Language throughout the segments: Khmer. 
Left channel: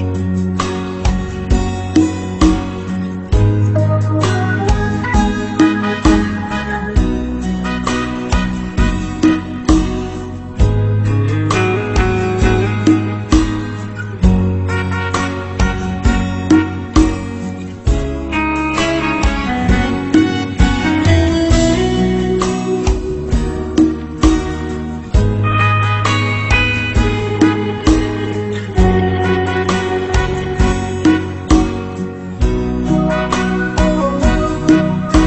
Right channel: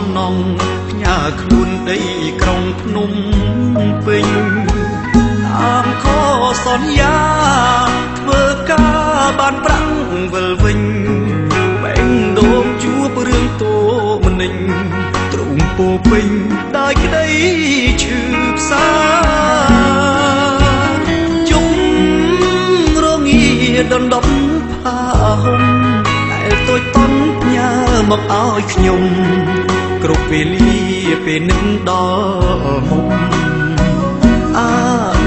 សំណងផ្ញើខ្លួនដីក្រុងភ្នំពេញតាមខសន្យាធ្វើការបានប្រាំងវិលវិញបែងដូងជួបរឿងតូមនិញទ្រង់ពោពេញដោយក្តីឈឺផ្សាជុំរងាដណ្ដប់ผ้าห่មដែលតូចតន់ញ៉ាមកឲ្យខ្ញុំគ្រប់វេលាពេលនឹងដល់មុំ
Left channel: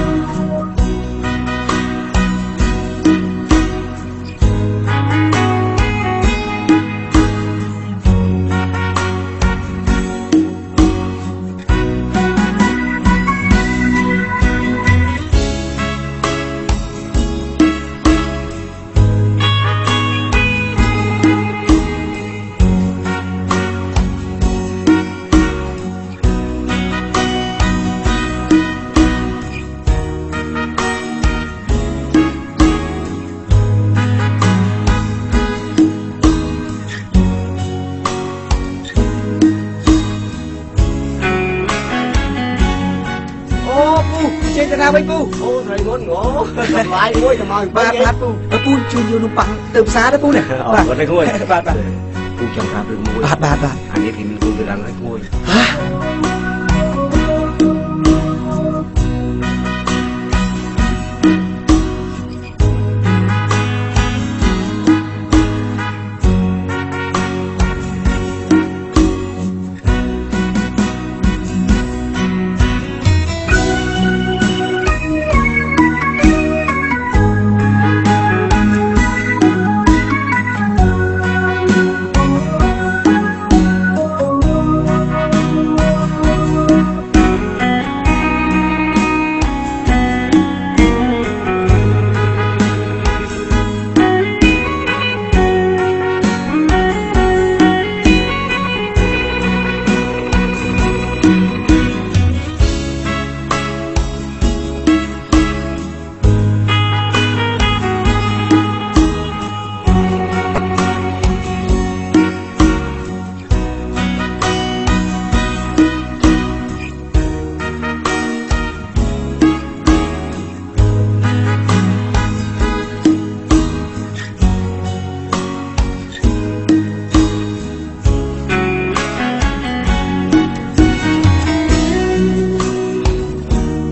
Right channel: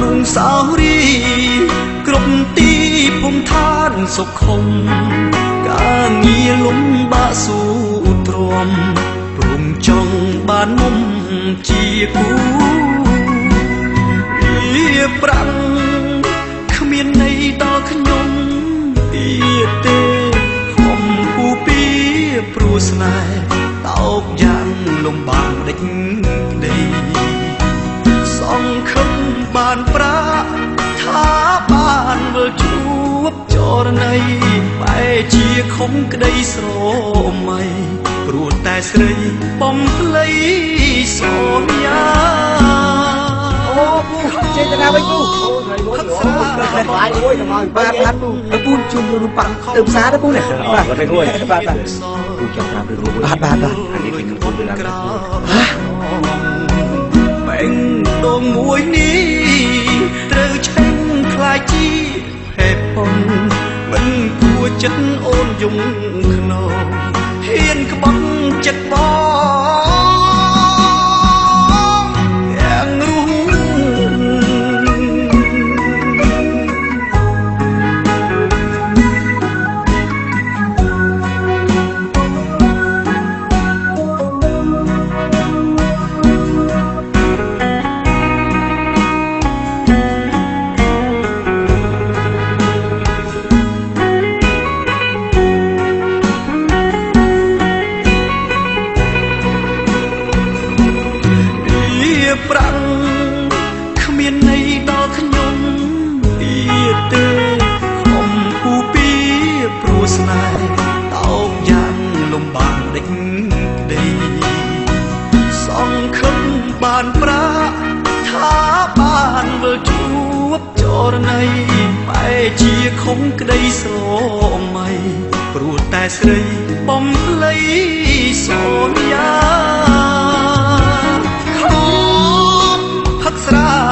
នុងសោរីគ្រប់ទីភូមិឋានសុខុមការងារលំបាកស៊ូទ្រាំព្រមចង់បានមុំជាគូលាប្រាំងគ្មានន័យដល់ខ្ញុំទៀតទេហំពូពីព្រោះស្នេហ៍តោកយ៉ាងលំបាកដេចក្តីសង្ឃឹមបានប្រាថាបានវិលជួបចរណីបែជាខំក្តីស្រមៃព្រោះតែស្រីបំភ្លៃសន្យាអូពូចេញទៅណាវិញពូអូស្រីមុនអូបាយមួយទៅមកបាទពូពូជួយយកនំប៉័ងទៅផ្សារទៅពូនេះបាទទៅគួយបាទពូចង់ប្រាប់រឿងមួយបាទអានេះពីនឹងពូទៅដល់ណាគួយបែងដងមួយនេះត្រូវឆេញខ្លាយជាហេតុផលមិនគួរចិត្តអូនយំខ្នងហ៊ានក្បត់ចិត្តបងស្រីបំលៃសន្យាខំផឹកស្រា